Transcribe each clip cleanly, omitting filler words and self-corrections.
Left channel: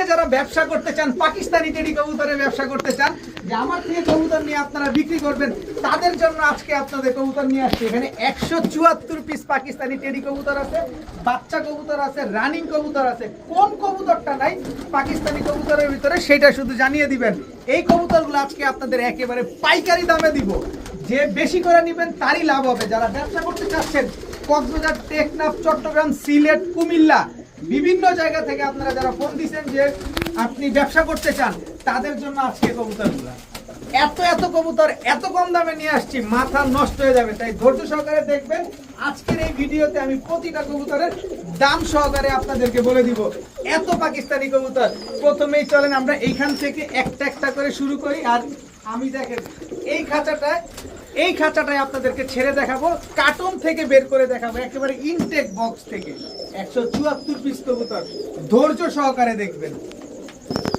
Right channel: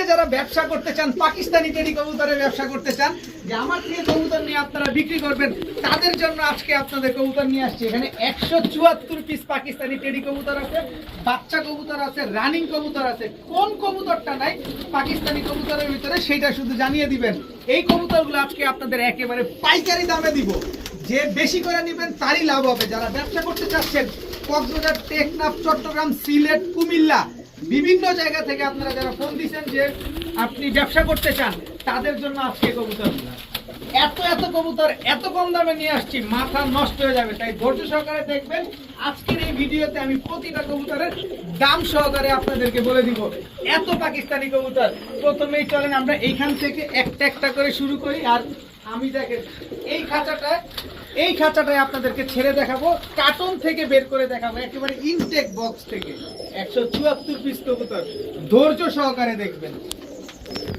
আজকে যারা ব্যবসা করতে চান, পাকিস্তানি টেডি কবুতরের ব্যবসা করতে চান, যে আমার থেকে কবুতর নিয়ে আপনারা বিক্রি করবেন, তাদের জন্য আজকে আপনাদের কবুতর নিয়ে আসছি। এখানে 174 পিস পাকিস্তানি টেডি কবুতর আছে, বাচ্চা কবুতর আছে, রানিং কবুতর আছে। কোন কবুতরটা নাই পাকিস্তানি কবুতরের ভিতরে সেটা শুধু জানিয়ে দিবেন। এই কবুতরগুলো আজকে আপনাদের একেবারে পাইকারি দামে দিব। যে বেশি করে নেবেন তারই লাভ হবে। যারা ব্যবসা করতে চাচ্ছেন, কক্সবাজার, টেকনাফ, চট্টগ্রাম, সিলেট, কুমিল্লা, বিভিন্ন জায়গা থেকে আপনারা যারা ফোন দিচ্ছেন যে আপনি ব্যবসা করতে চান, তাদের জন্য আজকে কবুতরগুলো। এত কবুতর এত কম দামে নিয়ে আসছি, মাথা নষ্ট হয়ে যাবে। তাই ধৈর্য সহকারে দেখবেন। আজকের এই ভিডিওতে আমি প্রতিটা কবুতরের দাম সহকারে আপনাদেরকে বলে দিব। এত পাকিস্তানি কবুতর। প্রথমেই চলেন আমরা এইখান থেকে একটা একটা করে শুরু করি। আর আমি দেখেন এই খাঁচাটায় আপনাদেরকে ছেড়ে দেখাবো, কার্টন থেকে বের করে দেখাবো, একেবারে ইনটেক বক্স থেকে 174 পিস কবুতর। ধৈর্য সহকারে দেখবেন।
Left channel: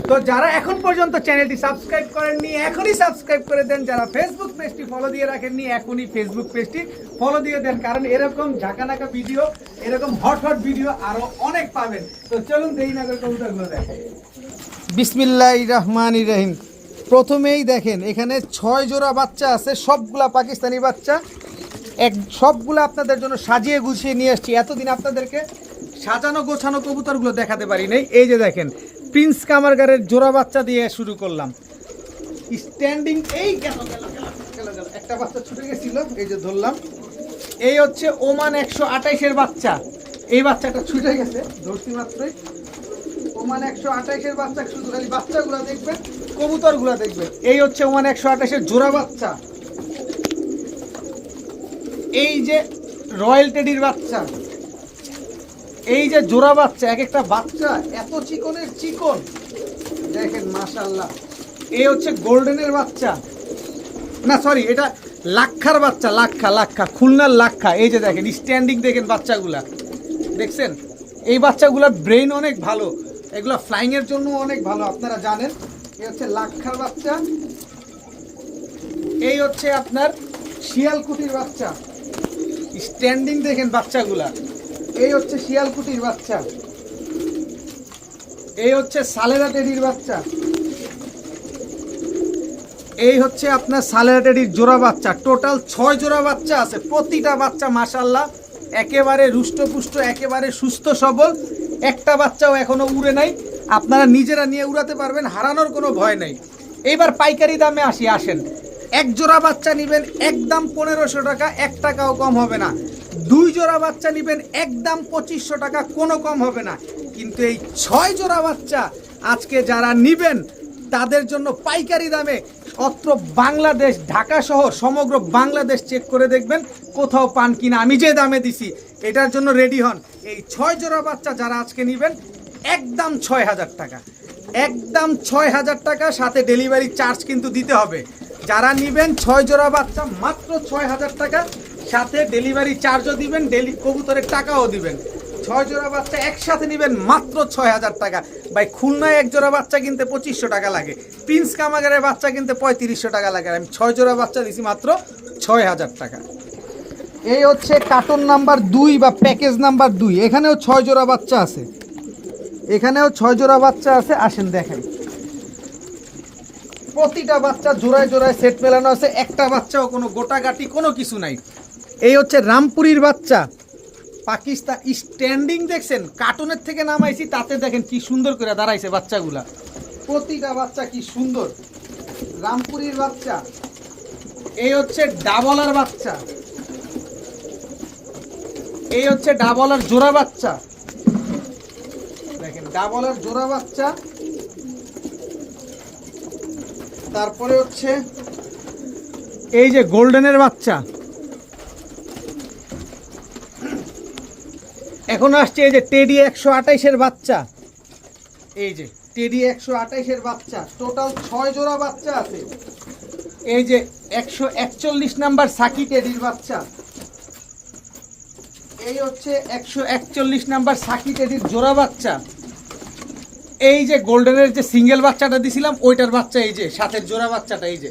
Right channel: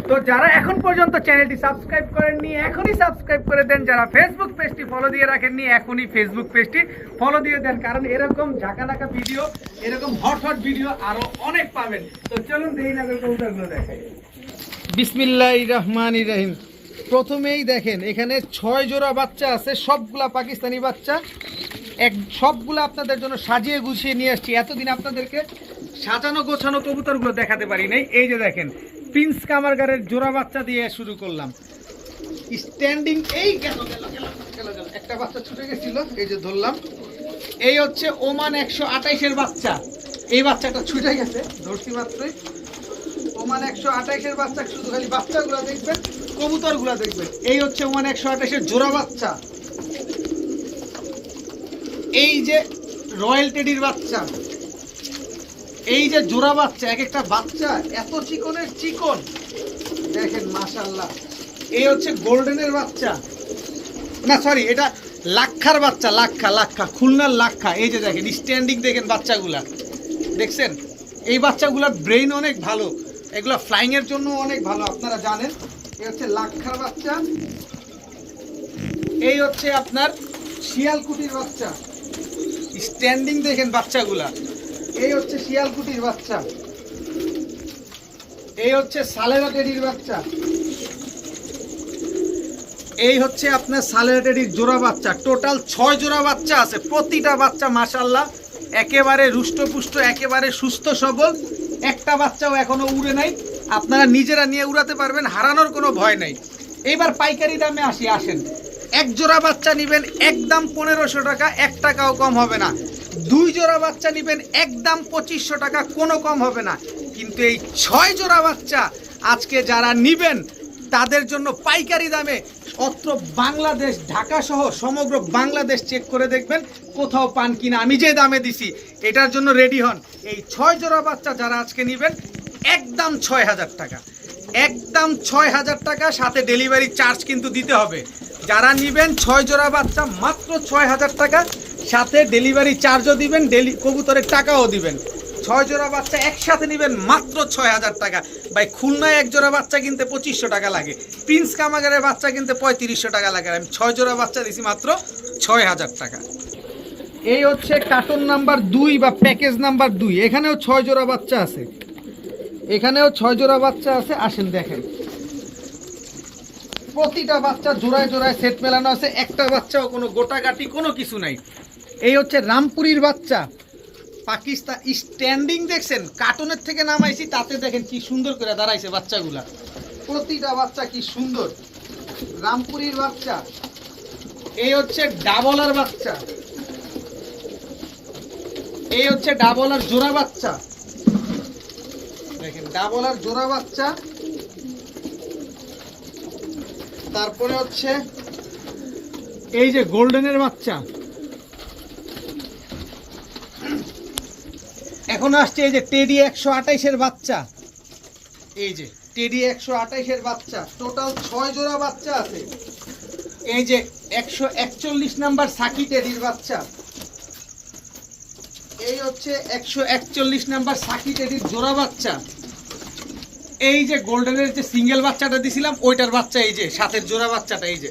তো যারা এখন পর্যন্ত চ্যানেলটি সাবস্ক্রাইব করেননি, এখনই সাবস্ক্রাইব করে দেন। যারা ফেসবুক পেজটি ফলো দিয়ে রাখেননি, এখনই ফেসবুক পেজটি ফলো দিয়ে দেন। কারণ এরকম ঝাঁকানাকা ভিডিও, এরকম হট ভিডিও আরো অনেক পাবেন। তো চলুন দেরি না করে কবুতরগুলো দেখাই। বিসমিল্লাহির রহমানির রহিম। প্রথমেই দেখেন এখানে 6 জোড়া বাচ্চা আছে, সবগুলা পাকিস্তানি বাচ্চা। সবগুলো আপনাদের জন্য সাজিয়ে গুছিয়ে নিয়ে আসছি। এতদিন আপনাদেরকে সাজানো গোছানো কবুতরগুলো দেখাতে পারি নাই। এই যে দেখেন প্রিন্স কামারগারের জোড়া বাচ্চা দিয়ে শুরু করলাম। স্ট্যান্ডিং এই গেল একটা বাচ্চা ছুটে গেছিল, এই যে ধরলাম। এই হচ্ছে ওমান 128-এর বাচ্চা। এই বাচ্চাটা ছুটে গেছে, ধরছি মাত্রই। ওমান 128-এর বাচ্চা। শুধু খালি বাচ্চাগুলো দেখবেন, কবুতরগুলো দেখবেন। এই হচ্ছে ওমান 128-এর জোড়া বাচ্চা। এই যে রয়্যাল টেডির বাচ্চা, এই যে জোড়া বাচ্চা। এক একটা বাচ্চা এত চিকনের চিকন, দেখেন মাশাআল্লাহ। এই হচ্ছে গোল্ডেনের বাচ্চা, না সরি, এটা লাক্ষার বাচ্চা। লাক্ষা খুলনার লাক্ষা। এই যে দেখেন স্ট্যান্ডিং, দেখেন বাচ্চাগুলা দেখছেন। এই বাচ্চাগুলার ব্রেন অনেক ভালো, এগুলো ফ্লাইং এর জন্য অনেক ভালো, আপনারা জানেন। এই হচ্ছে লাক্ষার বাচ্চা। এই হচ্ছে আপনার শিয়ালকুটির বাচ্চা। স্ট্যান্ডিং দেখেন বাচ্চাগুলা। এই হচ্ছে শিয়ালকুটির বাচ্চা। এই হচ্ছে সালেরা টেডির বাচ্চা। এই হচ্ছে আপনার সালেরা টেডির জোড়া বাচ্চা। টোটাল 6 জোড়া বাচ্চা আছে। প্রতিটা বাচ্চা মাশাআল্লাহ একেবারে রুষ্টপুষ্ট, একেবারে সুস্থ সবল। একটা বাচ্চাও এখনো উড়ে নাই। আপনারা নিজেরা নিয়ে উড়াতে পারবেন, হারানোর কোনো ভয় নাই। এইবার পাইকারি দামে আসেন। এক জোড়া বাচ্চা নেবেন একদম 1500 টাকা, 1 টাকাও কম হবে না। 2 জোড়া বাচ্চা নেবেন একদম 2500 টাকা, কোনো কম হবে না। কিন্তু এই 6 জোড়া বাচ্চা আজকে যারা নেবেন তাদের জন্য পাইকারি দামে, অত্র বাংলাদেশ, ঢাকা সহ সমগ্র বাংলাদেশ চেক করে দেখবেন কোথাও পান কিনা। আমি যে দামে দিছি এটার জন্য রেডি হন। এই 6 জোড়া বাচ্চা যারা আজকে নেবেন একদম 6000 টাকা, একদম 6000 টাকা, সাথে ডেলিভারি চার্জ কিন্তু দিতে হবে। যারা নেবেন 6 জোড়া বাচ্চা মাত্র 6000 টাকা, সাথে ডেলিভারি চার্জও দিবেন, কবুতরের টাকাও দিবেন। 6 জোড়া বাচ্চা একসাথে নেবেন মাত্র 6000 টাকা। ভাই খুলনায় 1 জোড়া বাচ্চা কিনতে 2500 টাকা লাগে, প্রিন্স কামাগারের বাচ্চা কিনতে 3500 টাকা লাগে। আমি 6 জোড়া বাচ্চা দিছি মাত্র 6000 টাকা। এই হচ্ছে কার্টন নাম্বার 2 বা প্যাকেজ নাম্বার 2। এখানেও 6 জোড়া বাচ্চা আছে, এখানেও 6 জোড়া বাচ্চা আছে। আসেন দেখেন, প্রতিটা বাচ্চা জোড়ায় জোড়ায় সেট মেলানো আছে। একটা বাচ্চাও কোনো গোটাগাটি কোনো কিছু নাই। এই হচ্ছে রামপুরির বাচ্চা, পাকিস্তান। স্ট্যান্ডিং দেখছেন, কার্টনের থেকে নামাইছি, তাতে দেখেন কি সুন্দর করে দাঁড়াইছে বাচ্চাগুলা। প্রতিটা বাচ্চা কি সুন্দর, রামপুরির বাচ্চা। এই হচ্ছে ডাবলার বাচ্চা। এই হচ্ছে ডাবলার জোড়া বাচ্চা, দেখেন ডাবলার জোড়া বাচ্চা। তারপরে হচ্ছে এই যে গোল্ডেনের বাচ্চা। এখন আসছে এই যে টেডি 128-এর বাচ্চা। এই যে টেডি 128-এর বাচ্চা। টোটাল 6 জোড়া বাচ্চা আছে। এই যে 141 নাম্বার সাকি টেডির বাচ্চা। এই হচ্ছে 141 নাম্বার সাকি টেডির জোড়া বাচ্চা। এই যে গোল্ডেনের যে সিঙ্গেল বাচ্চাটা দিছিলাম ওইটার বাচ্চা। এই যে সাথের জোড়া বাচ্চাটা। এই যে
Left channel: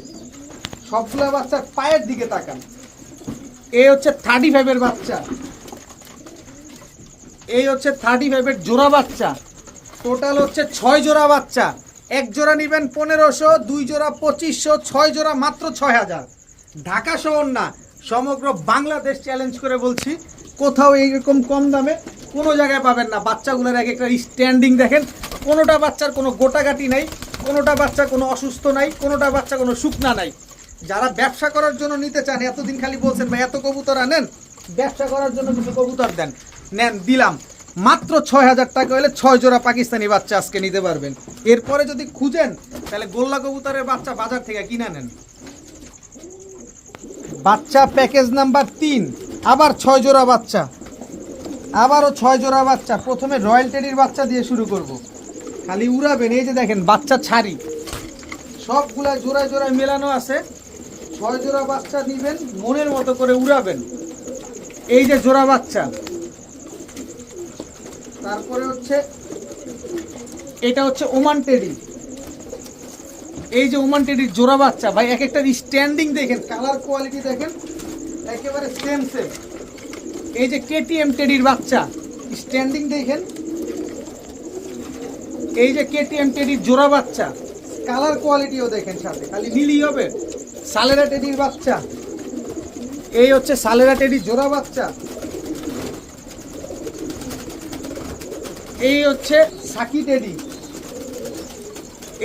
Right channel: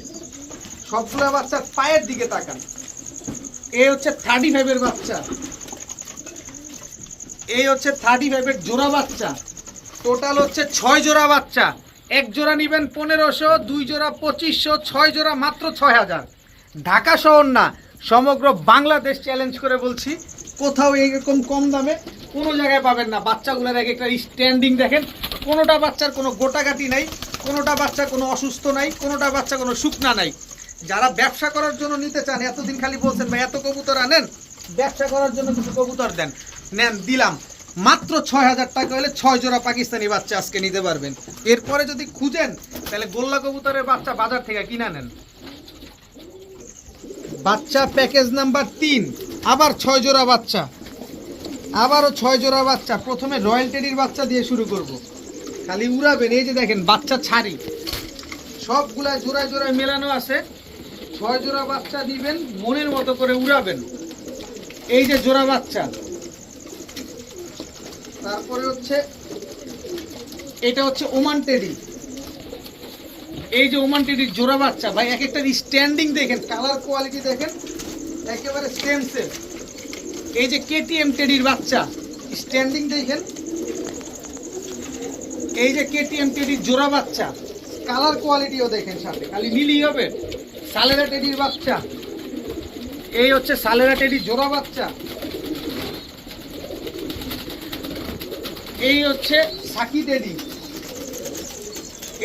সবগুলো বাচ্চার পায়ের দিকে তাকান। এই হচ্ছে 35-এর বাচ্চা। এই হচ্ছে 35-এর জোড়া বাচ্চা। টোটাল হচ্ছে 6 জোড়া বাচ্চা। এক জোড়া নেবেন 1500, 2 জোড়া 2500, 6 জোড়া মাত্র 6000। ঢাকা শহর না, সমগ্র বাংলাদেশ চ্যালেঞ্জ করে বলছি, কোথাও এইরকম কম দামে কোনো জায়গায় পাবেন না। বাচ্চাগুলোর এক একটা স্ট্যান্ডিং দেখেন, কোনোটা বাচ্চার কোনো গোটাগাটি নাই, কোনোটা বাচ্চা কোনো অসুস্থ নাই, কোনোটা বাচ্চা কোনো শুকনা নাই। যারা ব্যবসা করার জন্য নিতে চান, এতদিন খালি বলছেন ভাই এত কবুতর আনেন, ব্যবসা করার জন্য কিছু কবুতর দেন, নেন, দিলাম। মাত্র 6000 টাকা হলে 6 জোড়া পাকিস্তানি বাচ্চা আজকে নিতে পারবেন। এরপরে যদি খুঁজেন তাহলে গোল্লা কবুতরের বাচ্চা বাজার থেকে কিনা নেন। বাচ্চা প্যাকেজ নাম্বার 3, আবার 6 জোড়া বাচ্চা, আবারও 6 জোড়া বাচ্চা। প্রথমে রয়্যাল টেডির বাচ্চা দিয়ে শুরু করব, খালি উড়াবেন। এই যে দেখেন বাচ্চা ছাড়ি, সবগুলা জোড়ায় জোড়ায় মেলানো আছে। 6 জোড়া বাচ্চা দিবেন, মনের মতো করে উড়াবেন। এই যে জোড়া বাচ্চা। তারপরে হচ্ছে এটা হচ্ছে ওমান টেডি। এই যে ওমান টেডির জোড়া বাচ্চা ভাই, এক একটা স্ট্যান্ডিং দেখেন, কালার কোয়ালিটি দেখেন, একেবারে সেম সেম। এই যে কেটিএম টেডির বাচ্চা, স্ট্যান্ডিং দেখেন। এই যে কেটিএম টেডির জোড়া বাচ্চা, কালার কোয়ালিটিও দেখেন, সাথে খালি নীলই হবে। সালেরা টেডির বাচ্চা, এই হচ্ছে সালেরা টেডির জোড়া বাচ্চা। এই হচ্ছে সাকি টেডি,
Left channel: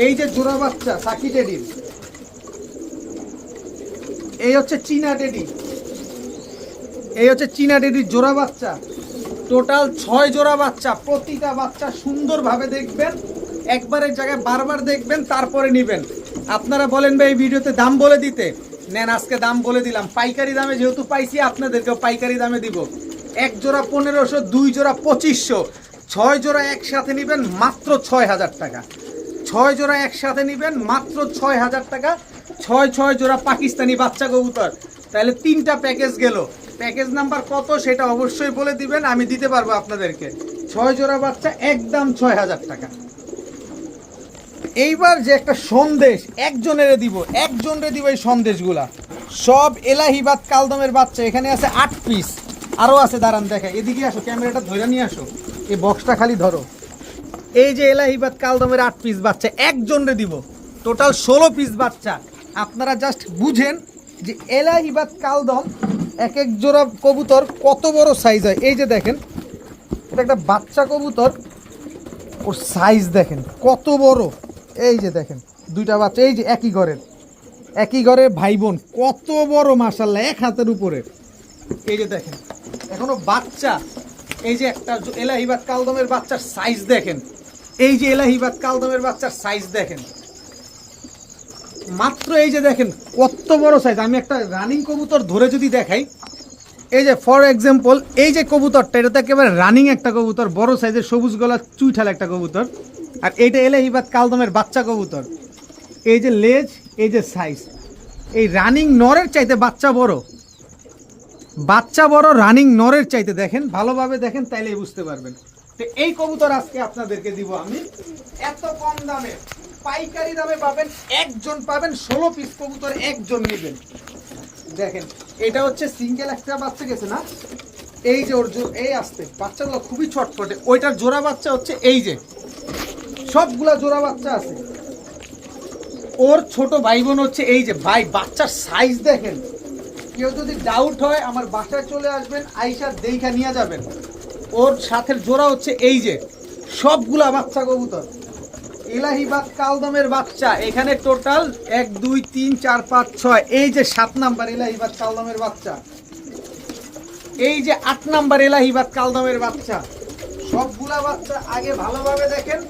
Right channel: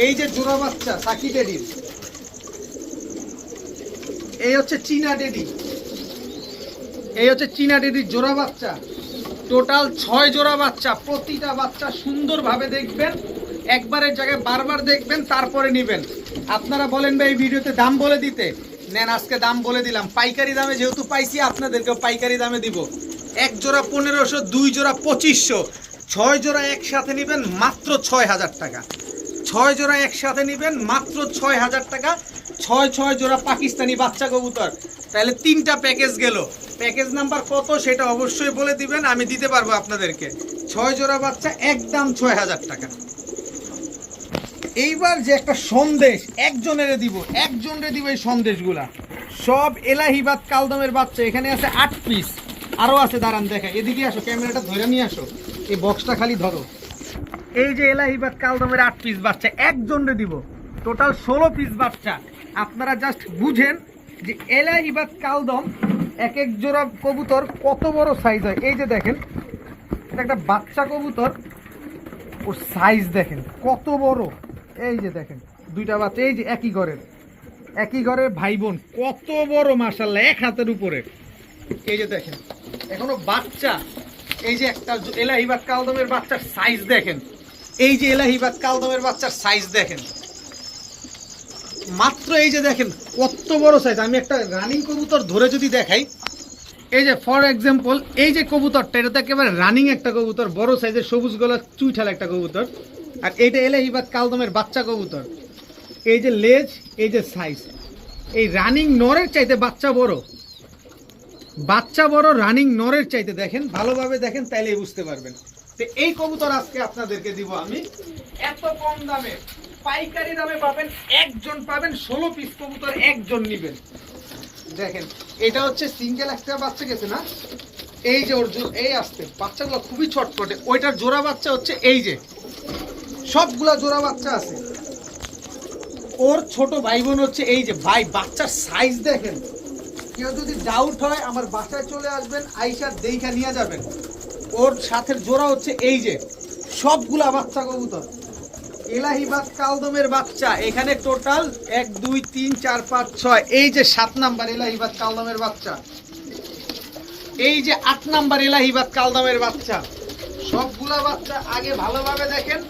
এই যে জোড়া বাচ্চা সাকি টেডির। এই হচ্ছে চীনা টেডি, এই হচ্ছে চীনা টেডির জোড়া বাচ্চা। টোটাল 6 জোড়া বাচ্চা। প্রতিটা বাচ্চা সুন্দরভাবে দেখবেন, একবারের জায়গায় বারবার দেখবেন, তারপরে নেবেন। আপনারা বলেন ভাই এই ভিডিওতে দাম বলে দিতে, নেন আজকে দাম বলে দিলাম। পাইকারি দামে যেহেতু পাইছি, আপনাদেরকেও পাইকারি দামে দিব। এক জোড়া 1500, 2 জোড়া 2500, 6 জোড়া একসাথে নেবেন মাত্র 6000 টাকা। 6 জোড়া একসাথে নেবেন মাত্র 6000 টাকা। 6 জোড়া পাকিস্তানি বাচ্চা কবুতর। তাহলে 3টা প্যাকেজ গেল। প্যাকেজ নাম্বার কত সেটা অবশ্যই বলে দিবেন, আমি দিতে পারবো আপনাদেরকে। 6 জোড়া বাচ্চা একদম 6000 টাকা। এইবার যে একটা সন্দেশ একজনের দিব, একজনের দিব। এই সন্দেশগুলা সব এলাহিবাদ কালদমের বাচ্চা। এখানে আছে 8 পিস, আরও আছে, দাঁড়ান দেখে, এদিকে আসো, ক্যামেরাটা ধরে নিয়ে আসো, এই বক্সটা খালি ধরো। এই যে এলাহিবাদ কালদমের 8 পিস বাচ্চা একজনরে দিব, টোটাল 16 পিস বাচ্চা। আপনারা জাস্ট বুঝেন যে এলাহিবাদ কালদম এক এক জোড়া কবুতর কত বড় সাইজ হয়। এই যে দেখেন, এটা একটা বাচ্চা কবুতর, ওর সাইজ দেখেন কত বড়। এই যে দেখেন 2টা বাচ্চা, এই যে একই ঘরের ভাই বোন, কত বড় মাশাআল্লাহ, 1 হাতের উপরে। এই যে দেখেন এখনো বাচ্চা। এই যে একটা এলাহিবাদ কালদমের বাচ্চার সাইজ দেখেন, এই যে এলাহিবাদ কালদমের বাচ্চার সাইজ দেখেন মাত্র। এই যে দেখেন কত বড় সাইজ। আমি একটা রানিং কবুতর ধরে যদি দেখাই, এই যে ফর এক্সাম্পল এই যে কবুতরটা, এটা তো একেবারে রানিং একটা কবুতর, বড় সাইজের সবুজ গলা চুইঠাল একটা কবুতর। আর এইটা এলাহিবাদ কালদমের বাচ্চা কবুতর। এই যে লেজ, এই যে সাইজ, এই রানিং নরের চাইতে বাচ্চা বড়, বাচ্চা বড় রানিং নরের চাইতে। দেখেন ভালোভাবে দেখেন, তাইলেই বুঝতে পারবেন। তো এই কবুতর আজকে আপনাদেরকে দিব আমি এত কম দামে, পাইকারি দামে পাবেন। একজন পাবেন 16 পিস কবুতর, একজন নেবেন। দেখেন এটা হচ্ছে সিঙ্গেল একটা বাচ্চা গেছে না, এই যে ওর এই আসতে বাচ্চাগুলো খুবই ছটপটে। ওইটার জোড়া বাচ্চা হচ্ছে এই যে, সবগুলা জোড়া বাচ্চা আছে। ওর ছোট ভাই বোন হচ্ছে এই যে। ভাই বাচ্চার সাইজ দেখেন, কেউ যদি ডাউট হয় আমার বাসায় চলে আসবেন, আইসা দেখা নিয়ে যাবেন। ওর সাথে জোড়া হচ্ছে এই যে, সবগুলা বাচ্চা কবুতর এলাহিবাদ কালদমের বাচ্চা। এখানে টোটাল 1 2 3 4 5 6, এই যে 7 নাম্বার এলাহিবাদ কালদমের বাচ্চা, এই যে 8 নাম্বার এলাহিবাদ কালদমের বাচ্চা। সবগুলা বাচ্চা আগে ভালোভাবে দেখেন,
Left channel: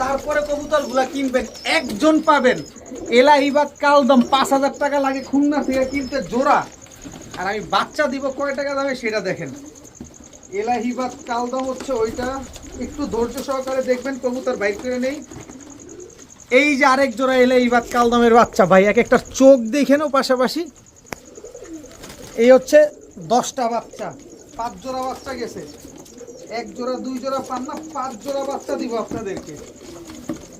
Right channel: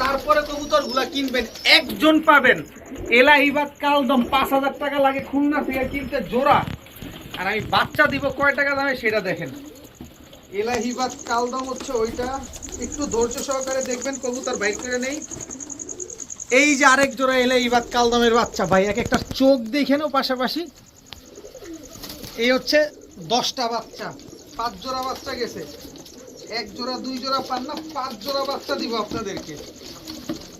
তারপরে কবুতরগুলা কিনবেন। একজন পাবেন এলাহিবাদ কালদম। 5000 টাকা লাগে খুলনা থেকে কিনতে জোড়া, আর আমি বাচ্চা দিব কয় টাকা দামে সেটা দেখেন। এলাহিবাদ কালদম হচ্ছে ওইটা, একটু ধৈর্য সহকারে দেখবেন, কবুতর বাইক করে নেই। এই যে আরেক জোড়া এলাহিবাদ কালদমের বাচ্চা। ভাই এক একটা চোখ দেখেনও পাশাপাশি। এই হচ্ছে 10টা বাচ্চা, 5 জোড়া বাচ্চা গেছে। 1 জোড়া 2 জোড়া পান না, 5 জোড়া বাচ্চা দিব আপনাদেরকে।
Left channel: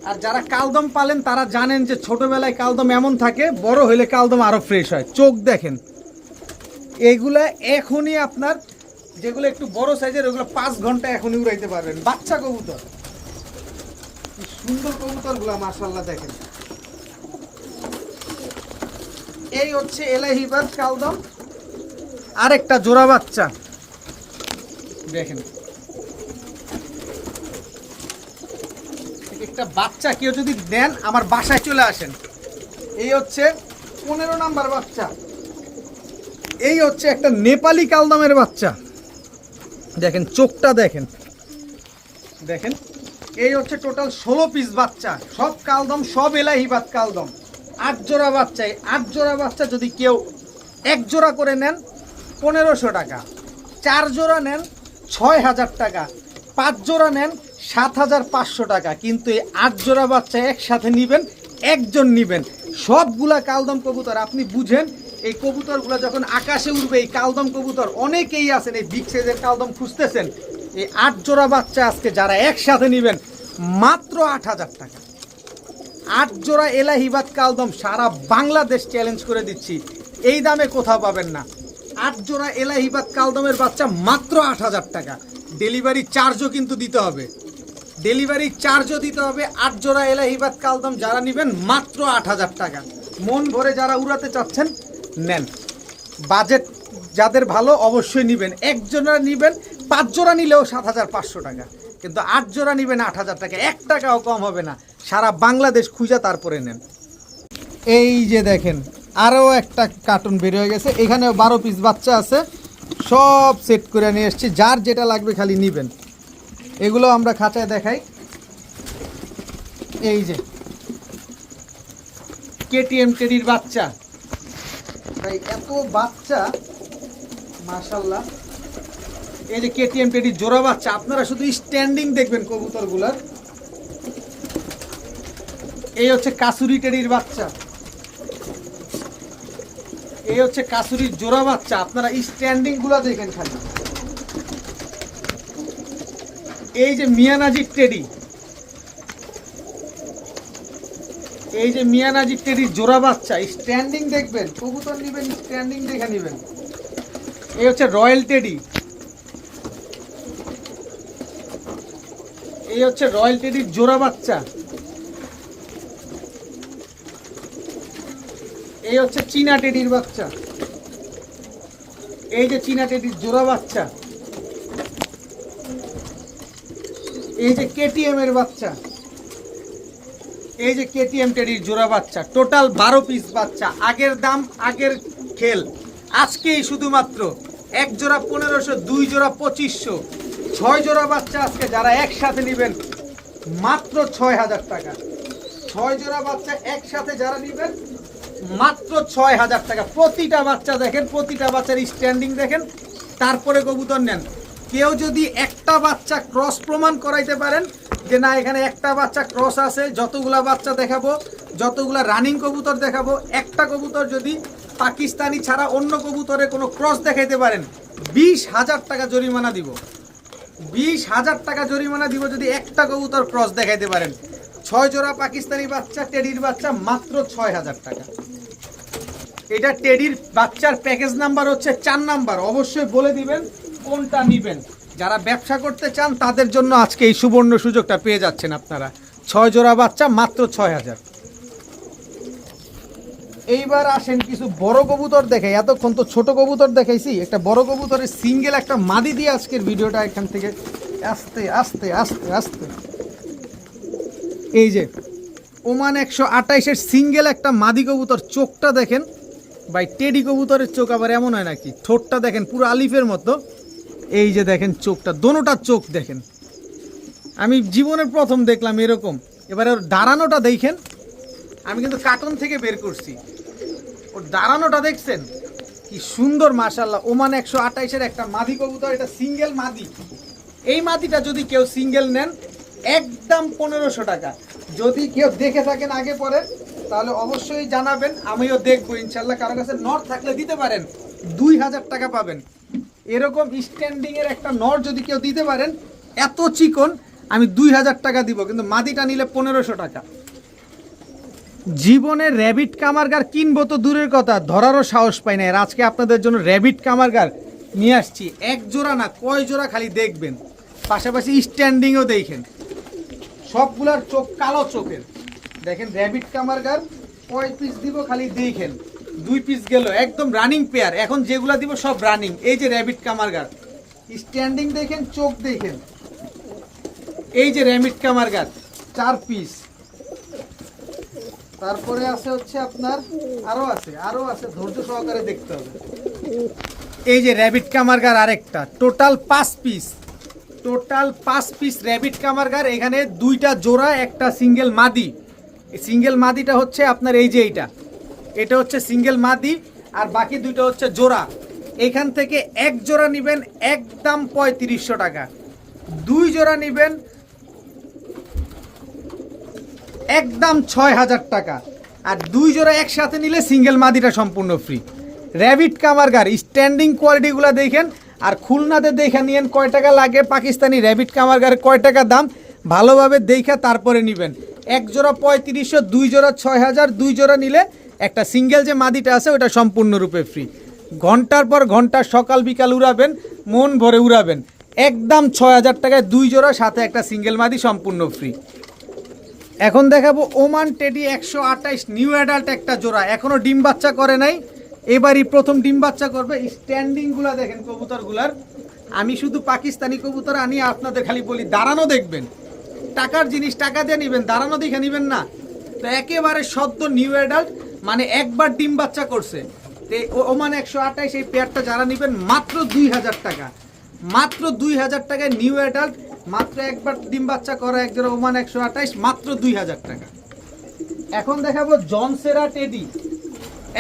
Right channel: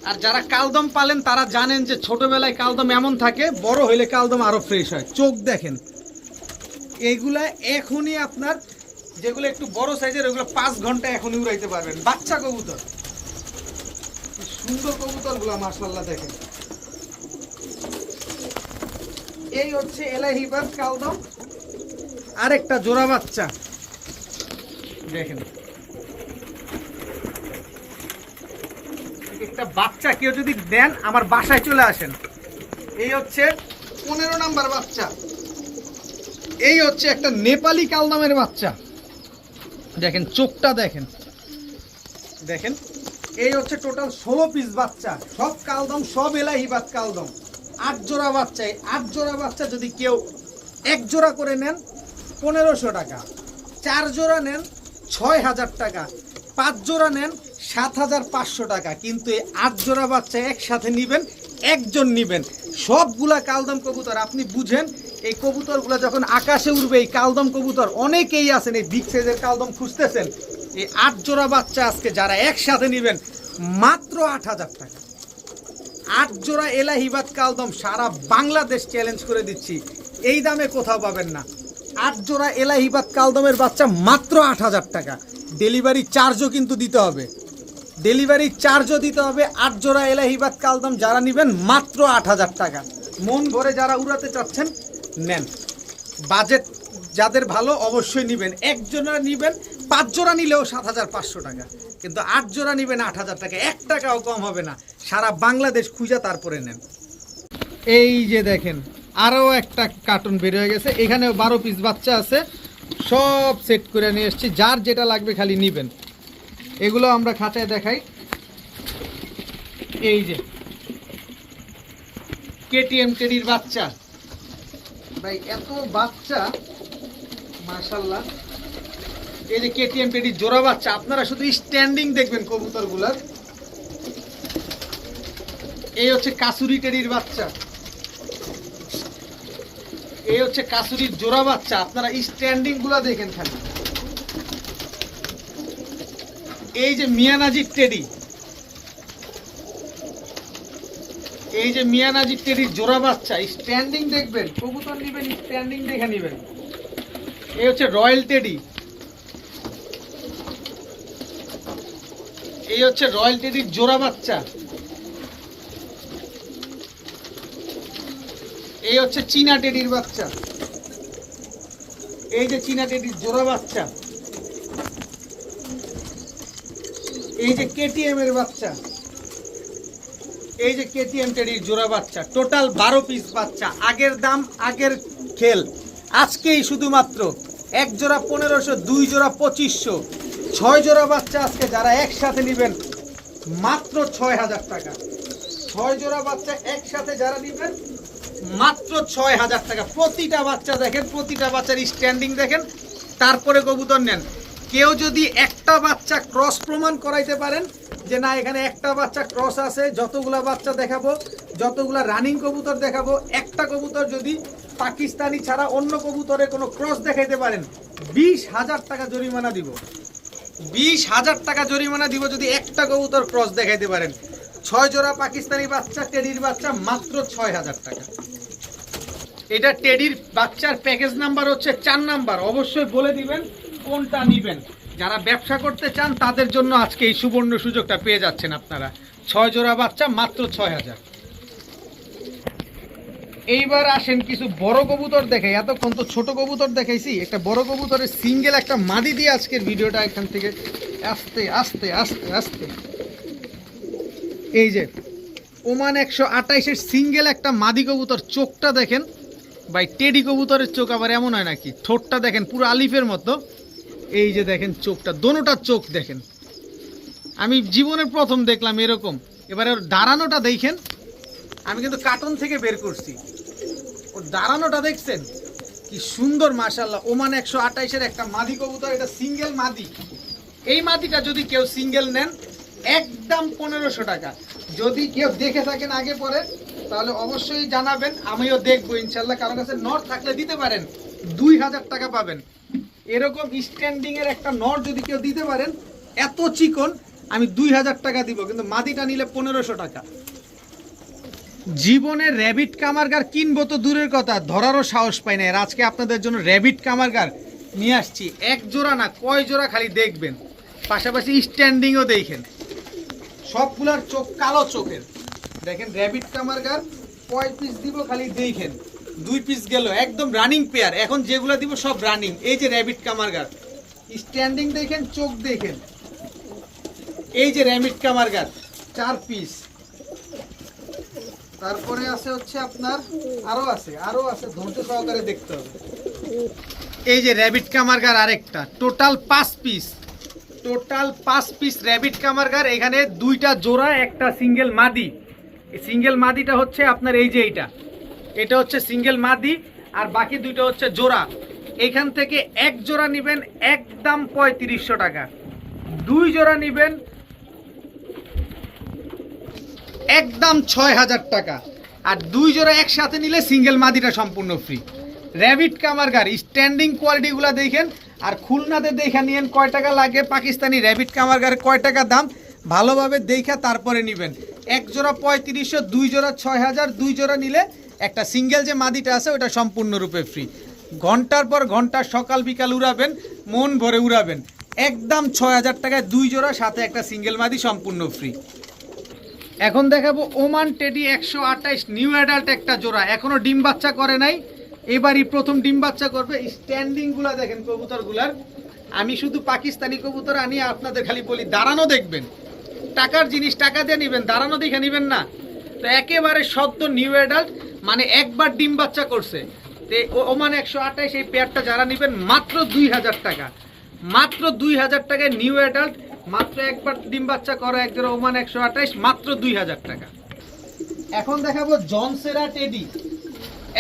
আর যারা কালদম পালেন তারা জানেন যে ছোটবেলায় কালদম এমন থাকে, বড় হইলে কালদম আরো ফ্রেশ হয়। চোখ দেখেন, এইগুলা এখনই আপনার যেগুলো একটু বড় সাইজের, ওগুলো 5 ঘন্টা এখনই উড়াইতে পারবেন। বাচ্চা কবুতর সুন্দর কবুতরগুলো মাশাআল্লাহ দেখেন। এই হচ্ছে এলাহিবাদ কালদম, আরেকটা জোড়া বাচ্চা দেখেন। একটা বাচ্চা কেউ যদি দেন আমার বাসায় চলে আসেন। এই হচ্ছে 15 নাম্বার বাচ্চা। এই হচ্ছে একটা নেপালি কালদমের বাচ্চা দেখেন, চোখটা দেখেন দেখেন। এই হচ্ছে টোটাল 16 পিস বাচ্চা, সব কালদম, সব এলাহিবাদ কালদম। 8 জোড়া বাচ্চা। 8 জোড়া বাচ্চা যদি কেউ 1 জোড়া করে নেন 1500 টাকা, 4 জোড়া নেন 6000 টাকা, 5 জোড়া নেন 7500 টাকা। কিন্তু এই 8 জোড়া বাচ্চা একসাথে নিবেন, একজন নিবেন। সবগুলা কালদম কবুতর। আপনি বুঝেন এই কবুতরগুলো যখন আকাশে উঠবে, এই কালদম কবুতর অনেকেই আছেন এই বিগ সাইজের কালদম খুঁজতেছেন। এই 8 জোড়া বাচ্চা আজকে যারা একসাথে নিবেন মাত্র 8000 টাকা। 8 জোড়া এলাহিবাদ কালদম সারা বাংলাদেশ চ্যালেঞ্জ করে দিচ্ছি, এই দামে কোথাও পাবেন না। 8 জোড়া এলাহিবাদ কালদমের বাচ্চা মাত্র 8000 টাকা। ডেলিভারি চার্জও কিন্তু দিতে হবে, ডেলিভারি চার্জও দিতে হবে। 8 জোড়া এলাহিবাদ কালদম যারা নেবেন মাত্র 8000 টাকা। মন ভরে যারা উড়াতে চাচ্ছেন নেন, বাজেট যাদের ভালো অবশ্যই নেবেন। 1 জোড়া নেবেন, 5 জোড়া নিলেও 7500 টাকা, কিন্তু 8 জোড়া নেবেন 8000 টাকা, 1 টাকাও কম হবে না। সারা বাংলাদেশ খুঁজে তারপরে নেন। এই যে দেখেন আরও একটা কার্টুন বের হয়ে গেছে, এখানেও 12 পিস বাচ্চা আছে, সব সেট করে নিয়ে এসেছি। যার যেটা লাগবে খালি নেবেন। এগুলো আমরা খাঁচায় দেখাই। এই যে কেটিএম টেডির বাচ্চা, ভাই এত বাচ্চা মাশাআল্লাহ। এই যে কেটিএম টেডির জোড়া বাচ্চা, আপনারা শুধু স্ট্যান্ডিং দেখবেন কবুতরগুলোর। এই হচ্ছে কাসুরি টেডির বাচ্চা, এই হচ্ছে কাসুরির জোড়া বাচ্চা। আপনারা স্ট্যান্ডিং গুলা দেখেন খালি। এই যে মিয়ানাজির টেডি, এই যে মিয়ানাজির টেডির জোড়া বাচ্চা, স্ট্যান্ডিং দেখবেন। কবুতর নেবেন স্ট্যান্ডিং দেখে নেবেন। এই হচ্ছে রয়্যাল টেডি, এই হচ্ছে রয়্যাল টেডির জোড়া বাচ্চা। এই হচ্ছে চীনা টেডির বাচ্চা, এই যে চীনা টেডির জোড়া বাচ্চা। এই যে কেটিএম এর বাচ্চা, এই যে কেটিএম টেডির জোড়া বাচ্চা। টোটাল 12 পিস বাচ্চা। আগের দাম আগের খেল, আজকেই শুধুমাত্র 1 জোড়া 1500, 2 জোড়া 2500, 6 জোড়া বাচ্চা আজকে যারা একসাথে নেবেন মাত্র 6000 টাকা। 6 জোড়া বাচ্চা একসাথে যারা নেবেন মাত্র 6000 টাকা। প্রতিটা বাচ্চা দেখেন, প্রতিটা বাচ্চার স্ট্যান্ডিং দেখেন, তারপরে কবুতর নেন। কেউ যদি একটা বাচ্চা ক্রস প্রমাণ করাইতে পারেন যে না এখানে একটা বাচ্চা ক্রস আছে, যতগুলা বাচ্চা দেখাবো, যতগুলা রানিং কবুতর দেখাবো, একটা কবুতর যদি পাকিস্তানি ছাড়া অন্য কবুতরে কোনো ক্রস দেখাইতে পারেন 20000 টাকা জরিমানা দিব। 20000 টাকা জরিমানা দিব যদি একটা কবুতর ক্রস দেখাইতে পারেন। 6 জোড়া পাকিস্তানি বাচ্চা টেডির বাচ্চা মাত্র 6000 টাকা। এটা টেডির বাচ্চার প্যাকেজ নাম্বার হচ্ছে 4 নাম্বার। অবশ্যই বলে দিবেন কোনটা নেবেন। যারা ব্যবসা করতে চান তাদের জন্য আজকে এই সুবর্ণ সুযোগটা পেয়ে যাচ্ছেন আপনারা। 6 জোড়া বাচ্চা মাত্র 6000। এইবার আসেন কিছু বড় কবুতর দেখাই। এতক্ষণ তো ছোট কবুতর দেখাইছি, একটা বড় কবুতরের সিঙ্গেল একটা মাদি দিয়ে আজকের ভিডিওটা এখান থেকে আস্তে আস্তে আস্তে আস্তে। এই যে ওমান 128-এর সিঙ্গেল একটা মাদি কবুতর। চোখটা দেখেন ভাই, টেডি কবুতরের চোখ আবার এমন হয় নাকি? ঠোঁটটা দেখেন পুরো আলিফের মতো। এই যে দেখেন চোখটা, দোনোটা চোখ দেখেন, আমি জীবনে প্রথম দেখলাম এরকম। এবারে ওর দাঁড়ানোটা দেখেন, আমি কিন্তু কার্টুন থেকে বের করছি। ওর দাঁড়ানোটা দেখছেন কি সুন্দর মাশাআল্লাহ। ওমান 128-এর একটা মাদি কবুতর, এটা সিঙ্গেল মাদি। এই মাদিটা যদি কেউ সিঙ্গেল নেন একদম 1500 টাকা। যদি কেউ দেখে থাকেন আগে পরে তাহলে অবশ্যই জানাবেন, আমিও দেখবো ইনশাল্লাহ। কারো কাছে নট থাকলে দিতে পারেন, 2000 টাকা পাবেন। এরকম স্ট্যান্ডিং এর একটা নট যদি কেউ দিতে পারেন এত চিকন, আমি 2000 টাকা দিব, কিন্তু মাদিটা নিলে 1500 টাকা। জীবনে র্যাবিট কামারগার কিনবো তো দূরের কথা, ধরারও সাহস পাই না। আর আজকে আপনাদের জন্য র্যাবিট কামারগার নিয়ে আসছি। 1 জোড়া না, কয় জোড়া খালি দেখবেন, পাশাপাশি স্ট্যান্ডিংও দেখেন। সবগুলার চোখ কালো চোখের। দেখেন র্যাবিট কামারগার কয় পিস দিব খালি দেখেন, 2 পিস গেল, একদম রানিং পেয়ার। এখন যেগুলা দিব সব রানিং। এই যে র্যাবিট কামারগার, স্ট্যান্ডিং দেখেন, চোখ দেখেন। এই যে র্যাবিট কামারগার 4 পিস। তারপরে আছে হচ্ছে আপনার আরো আছে, ধৈর্য সহকারে দেখতে হবে। এই যে র্যাবিট কামারগার আরেকটা, total 5 piece, total 5 piece rabbit কামারগার। এখানে 2টা জোড়া, একটা সিঙ্গেল মাদি। এই সিঙ্গেল মাদিটা হচ্ছে আপনার এই যে এটা হচ্ছে সিঙ্গেল মাদি, আর বাকি 2টা হচ্ছে জোড়া। এখান থেকে 1 জোড়া নেবেন একদম 3500 টাকা, 2 জোড়া নেবেন একদম 6000 টাকা, আর 2 জোড়া একসাথে নিলে সিঙ্গেল মাদিটা সম্পূর্ণ ফ্রি। র্যাবিট কামারগার স্ট্যান্ডিং কোয়ালিটিগুলো দেখেন, আর খুলনাতে দেখে নিয়েন কয় টাকা লাগে, পাকিস্তানি র্যাবিট কামারগারের কয় টাকা দাম, ভালোভাবে দেখে তারপরে নেবেন। 1 জোড়া 3500, 2 জোড়া 6000, 2 জোড়া নিলে একটা সিঙ্গেল যে মাদিটা আছে ওটা সম্পূর্ণরূপে ফ্রি। ঘন্টার পর ঘন্টা সকাল বিকাল উড়াবেন, মন ভরে উড়াবেন। একদম 6000 টাকায় 2 জোড়া, সাথে একটা সিঙ্গেল মাদি সম্পূর্ণ ফ্রি। এখন দেখাবো ওমান টেডি 128 নিউ অ্যাডাল্ট একটা জোড়া, এখনো ডিম বাচ্চা করে নাই, এবারই প্রথম ডিম বাচ্চা করবে। স্ট্যান্ডিংগুলো দেখেন কবুতরগুলার। আমি শুধু পাকিস্তানি কবুতর আনি, আপনাদের খালি বলি দাঁড়ানো দেখবেন, টাকার জিনিস টাকা দিয়ে নেবেন, দাঁড়ানো দেখে নেবেন না। তো একেবারে সদ্য নিউ অ্যাডাল্ট, মানে একবার ডিম বাচ্চা করছে। তো ওমান 128 এই পেয়ারটা যারা নেবেন মাত্র 2000 টাকা, মাত্র 2000 টাকায় নিউ অ্যাডাল্ট, মাত্র একবার ডিম বাচ্চা করে এক জোড়া ওমান 128, মাত্র 2000 টাকা। এখন দেখাবো জনসেরা টেডি,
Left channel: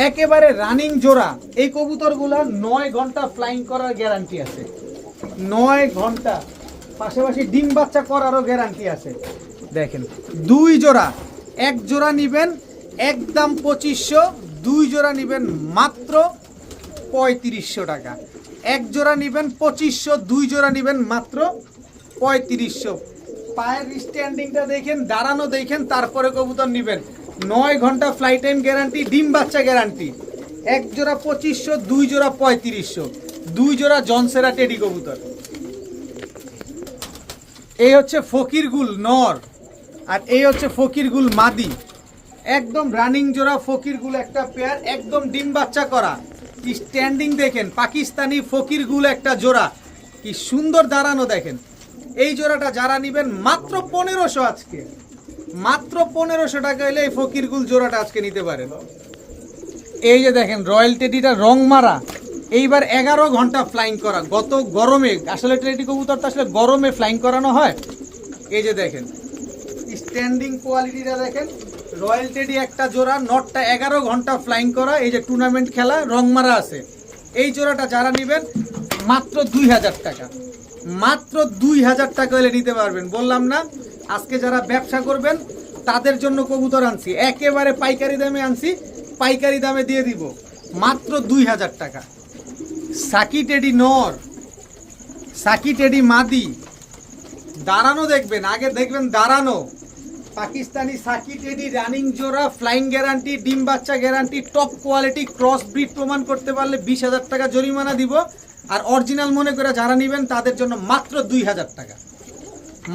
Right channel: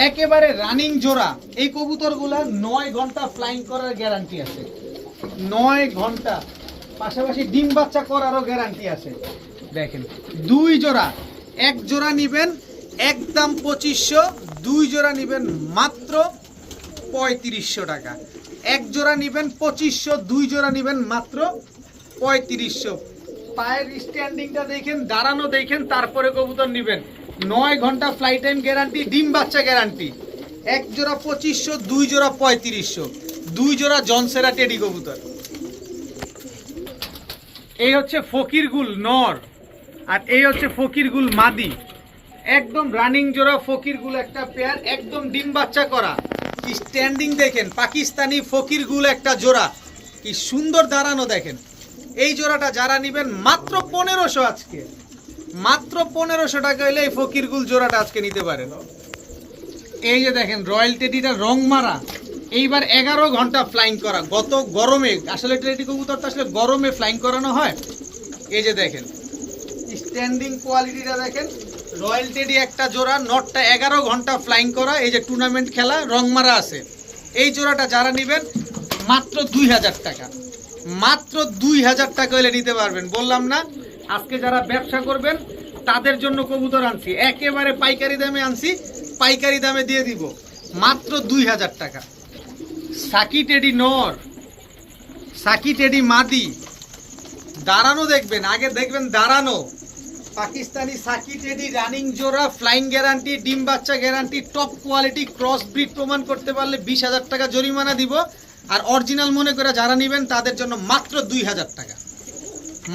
একেবারে রানিং জোড়া। এই কবুতরগুলা 9 ঘন্টা ফ্লাইং করার গ্যারান্টি আছে, 9 ঘন্টা, পাশাপাশি ডিম বাচ্চা করারও গ্যারান্টি আছে। দেখেন 2 জোড়া, 1 জোড়া নিবেন একদম 2500, 2 জোড়া নিবেন মাত্র 3500 টাকা। 1 জোড়া নিবেন 2500, 2 জোড়া নিবেন মাত্র 3500। পায়ের স্ট্যান্ডিংটা দেখেন, দাঁড়ানো দেখেন, তারপরে কবুতর নিবেন। 9 ঘন্টা ফ্লাই টাইম গ্যারান্টি, ডিম বাচ্চা গ্যারান্টি। 1 জোড়া 2500, 2 জোড়া 3500, 2 জোড়া জনসেরা টেডি কবুতর। এই হচ্ছে ফকিরগুল নর, আর এই হচ্ছে ফকিরগুল মাদি। একদম রানিং জোড়া ফকিরগুল একটা পেয়ার, একদম ডিম বাচ্চা করা। স্ট্যান্ডিং দেখেন, পাকিস্তানি ফকিরগুল একটা জোড়া, কি সুন্দর দাঁড়ানো দেখেন। এই জোড়াটা যারা নেবেন মাত্র 1500, আজকে মাত্র 1500 টাকা হলে এই ফকিরগুল জোড়াটা আজকে নিতে পারেন। এই যে দেখেন রয়্যাল টেডিটা রং মারা, এইবার 11 ঘন্টা ফ্লাইং করা। গত গরমে, আসলে টেডি কবুতরটা আসলে গরমে ফ্লাইং করানো হয়। এই যে দেখেন স্ট্যান্ডিং কোয়ালিটিটা দেখেন, রয়্যাল টেডি একটা জোড়া, নটটা 11 ঘন্টা ফ্লাইং করা। এই যে টুর্নামেন্ট খেলা, রং মারা আছে। এই জোড়াটা যারা নেবেন মাত্র 2000 টাকা, মাত্র 2000 টাকা হলে নিতে পারবেন। বললাম না আজকে যারা ব্যবসা করবেন তাদের জন্য কবুতর আনছি, একেবারে পাইকারি দামে আনছি, পাইকারি দামে দিয়ে দিব মাত্র 2000 টাকা। সাকি টেডি নর, সাকি টেডি মাদি, দাঁড়ানো দেখবেন, আগে দেখবেন দাঁড়ানো। পাকিস্তানি সাকি টেডি রানিং জোড়া, ফ্লাইং গ্যারান্টি, ডিম বাচ্চা guarantee, top quality, cross breed প্রমাণ করতে পারলে 20000 টাকা জরিমানা দিব। আর অরিজিনাল মনে করে যারা নেবেন তাদের জন্য মাত্র 2000 টাকা,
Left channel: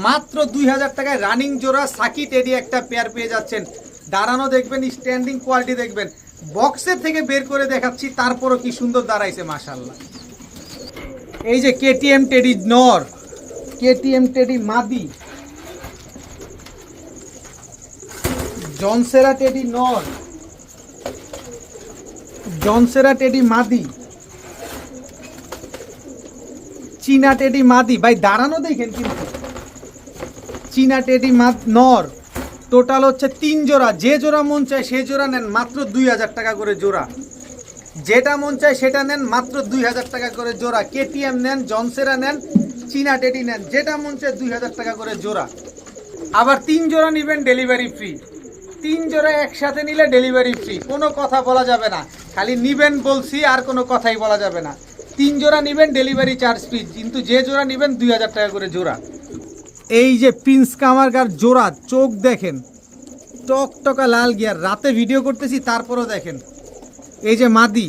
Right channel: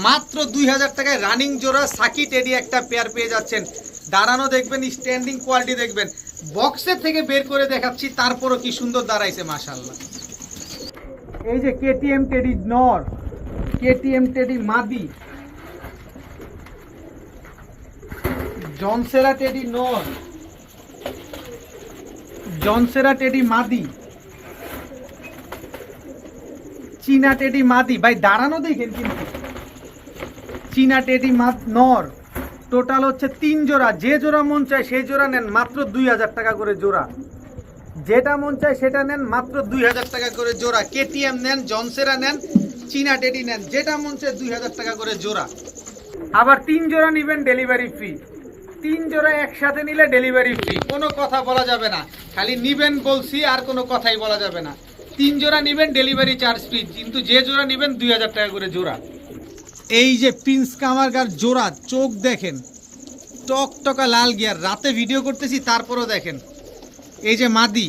মাত্র 2000 টাকায় রানিং জোড়া সাকি টেডি একটা পেয়ার পেয়ে যাচ্ছেন। দাঁড়ানো দেখবেন, স্ট্যান্ডিং কোয়ালিটি দেখবেন, বক্সের থেকে বের করে দেখাচ্ছি, তারপরও কি সুন্দর দাঁড়াইছে মাশাআল্লাহ। এই যে কেটিএম টেডি নর, কেটিএম টেডি মাদি, জনসেরা টেডি নর, জনসেরা টেডি মাদি, চীনা টেডি মাদি। ভাই দাঁড়ানো দেখেন কিন্তু, চীনা টেডি নর। টোটাল হচ্ছে 3 জোড়া, যে জোড়া মন চায় সেই জোড়া নেন মাত্র 2000 টাকা করে জোড়া, যেটা মন চায় সেটা নেন মাত্র 2000 টাকা করে জোড়া। কেটিএম নেন, জনসেরা নেন, চীনা টেডি নেন, যেটা মন চায় 2000 টাকা করে জোড়া। আবার 3 জোড়া নেবেন ডেলিভারি ফ্রি, 3 জোড়া একসাথে নিলে ডেলিভারি ফ্রি, কোনো কথা বলা যাবে না, খালি নিবেন বলছি, আর কোনো কথাই বলা যাবে না। 3 জোড়া নেবেন ডেলিভারি চার্জ ফ্রি, কিন্তু যে জোড়া নেবেন 2000 টাকা করে জোড়া। এই যে প্রিন্স কামারগার জোড়া, চোখ দেখেন টকটকা লাল গিয়ার, রাতে ভিডিও করতেছি তারপরও দেখেন। এই যে মাদি,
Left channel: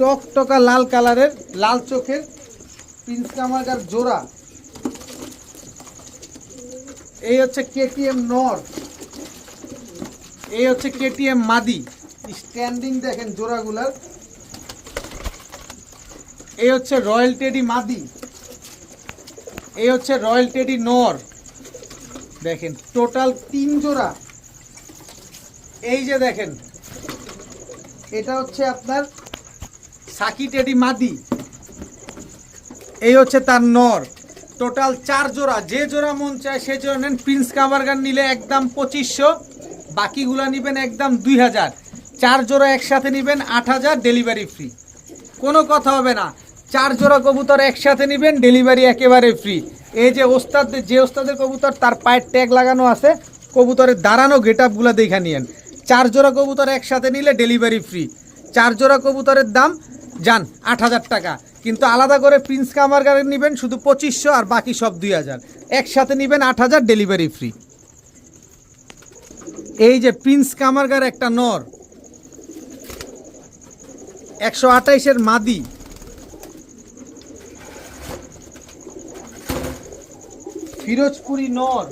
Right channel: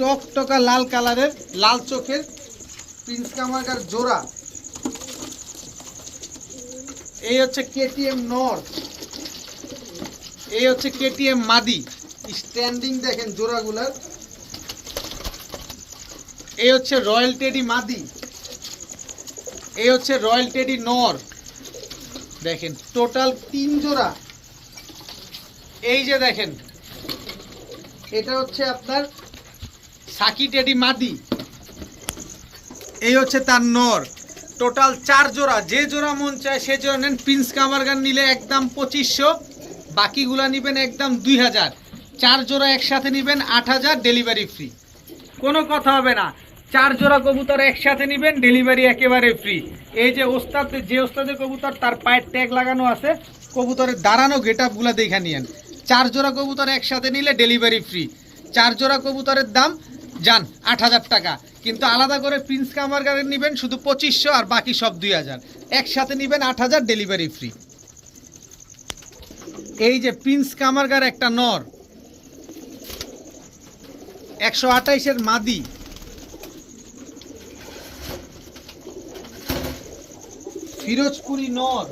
টকটকা লাল কালারের, লাল চোখের প্রিন্স কামারগার জোড়া। এই হচ্ছে কেটিএম নর, এই হচ্ছে কেটিএম মাদি, স্ট্যান্ডিং দেখেন জোড়াগুলার। এই হচ্ছে রয়্যাল টেডি মাদি, এই হচ্ছে রয়্যাল টেডি নর, দেখেন টোটাল 3 জোড়া। এই যে দেখেন এটা হচ্ছে আপনার সাকি টেডি মাদি, এই হচ্ছে তার নর। টোটাল 4 জোড়া, যে জোড়া মন চায় সে জোড়া নেন। প্রিন্স কামারগান নিলে একদম 2500, বাকিগুলা নেবেন একদম 2000। 4 জোড়া একসাথে নেবেন 8000, ডেলিভারি ফ্রি, কোনো কথা হবে না। 4 জোড়া কবুতর একসাথে নেবেন, ডেলিভারি একেবারে ফ্রি। এই যে ওস্তাদ, যে ওস্তাদের কবুতর তার পায়ের ট্যাগ লাগানো আছে, কবুতরের দাঁড়ানো গেট আপগুলো দেখে নিয়েন। 4 জোড়া কবুতর একসাথে নিলে ডেলিভারি ফ্রি। 4 জোড়া কবুতরের দাম যান 8000 টাকা, কিন্তু আলাদা করে প্রিন্স কামারগানের নেবেন শুধু 2500, আর বাকি সব 2000। একসাথে নেবেন 8000, ডেলিভারি ফ্রি। এই যে প্রিন্স কামারগার একটা নর, 128-এর মাদি, ফিরোজপুরি নর,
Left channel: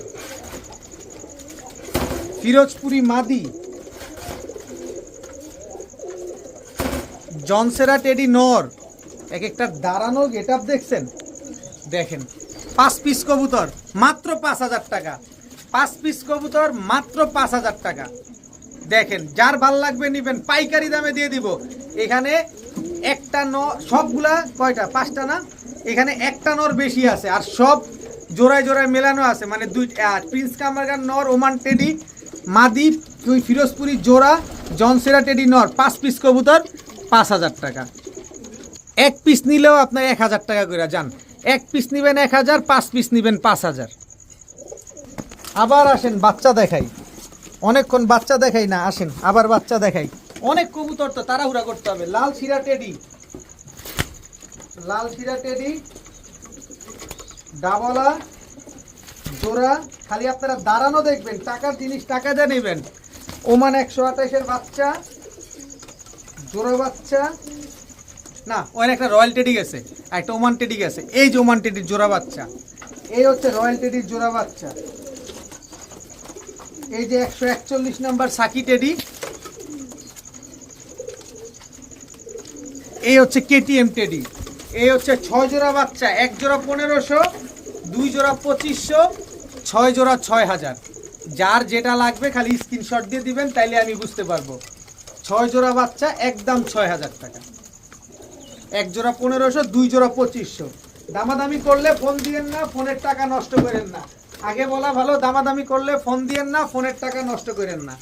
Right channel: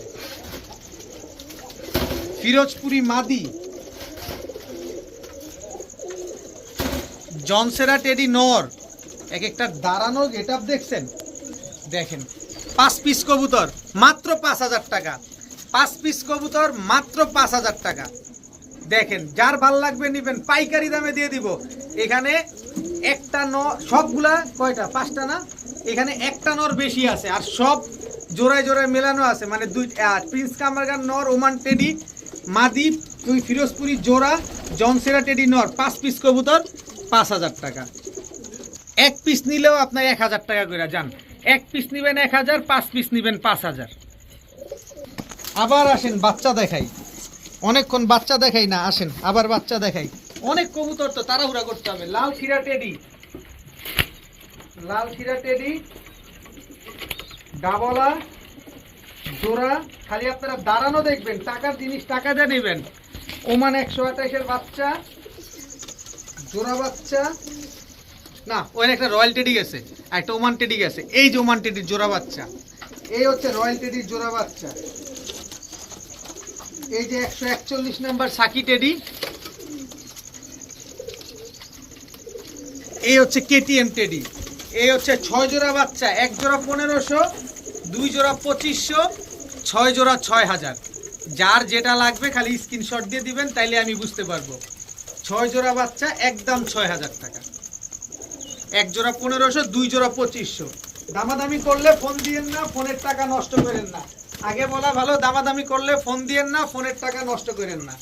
ফিরোজপুরি মাদি, জনসেরা টেডি নর, এক একটা দাঁড়ানো গেট আপ দেখছেন, দেখেন। 5 পিস কবুতর মাত্র 5000 টাকা, 5 পিস কবুতর মাত্র 5000 টাকা। দেখেন যার ভাল লাগবে নেবেন, পাইকারি দামে দিয়ে দিব। এখানে একটা নর, সবগুলা কয়টা, 5টা না, এখানে একটা নর বেশি আছে, আর সব জোড়ায় জোড়ায় মেলানো আছে। মানে প্রিন্স কামারগান নর, ওমান টেডি মাদি, 2 ফিরোজপুরি জোড়া, জনসেরা টেডি নর, 5 পিস কবুতর 5000 টাকা। 1 পিস নিলেও আপনার 1000 টাকা করে যান। 1 পিস নেবেন 1000, 5 পিস নেবেন 5000। আবার আসেন বাচ্চা দেখাই, অনেকক্ষণ বাচ্চা দেখাই না, আসেন আবার বাচ্চা দেখাই। অনেক কবুতর তো তাড়াহুড়া করতে হবে। লাল শিরা টেডি, লাল শিরা টেডি ডাবলা জোড়া, খালি আপনারা দাঁড়ানো দেখবেন, টাকার জিনিস টাকা যা নেবেন। ওমান 128-এর বাচ্চা, জোড়া বাচ্চা, না ওখানে একটা রয়্যাল টেডি গেছে আর একটা ওমান টেডি গেছে। এই যে ওমান টেডির জোড়া বাচ্চা, এই হচ্ছে রয়্যাল টেডির জোড়া বাচ্চা। এই যে 141 নাম্বার সাকি টেডি, এই হচ্ছে কেটিএম টেডি। এই হচ্ছে 6 জোড়া বাচ্চা, 1 জোড়া 1500, 2 জোড়া 2500, 6 জোড়া 6000। যার যেটা লাগবে খালি স্ক্রিনশট দিয়ে দিবেন, তাইলে আমি বুঝতে পারবো। 6 জোড়া বাচ্চা একদম 6000 টাকা, 1 জোড়া 1500, 2 জোড়া 2500। দামাদামি করলে ফোন দিয়েন না, ফোনের টাকা নষ্ট করেন না। আগে বলা ভালো, দামাদামি করলে ফোন দিয়েন না, ফোনের টাকা নষ্ট করেন না।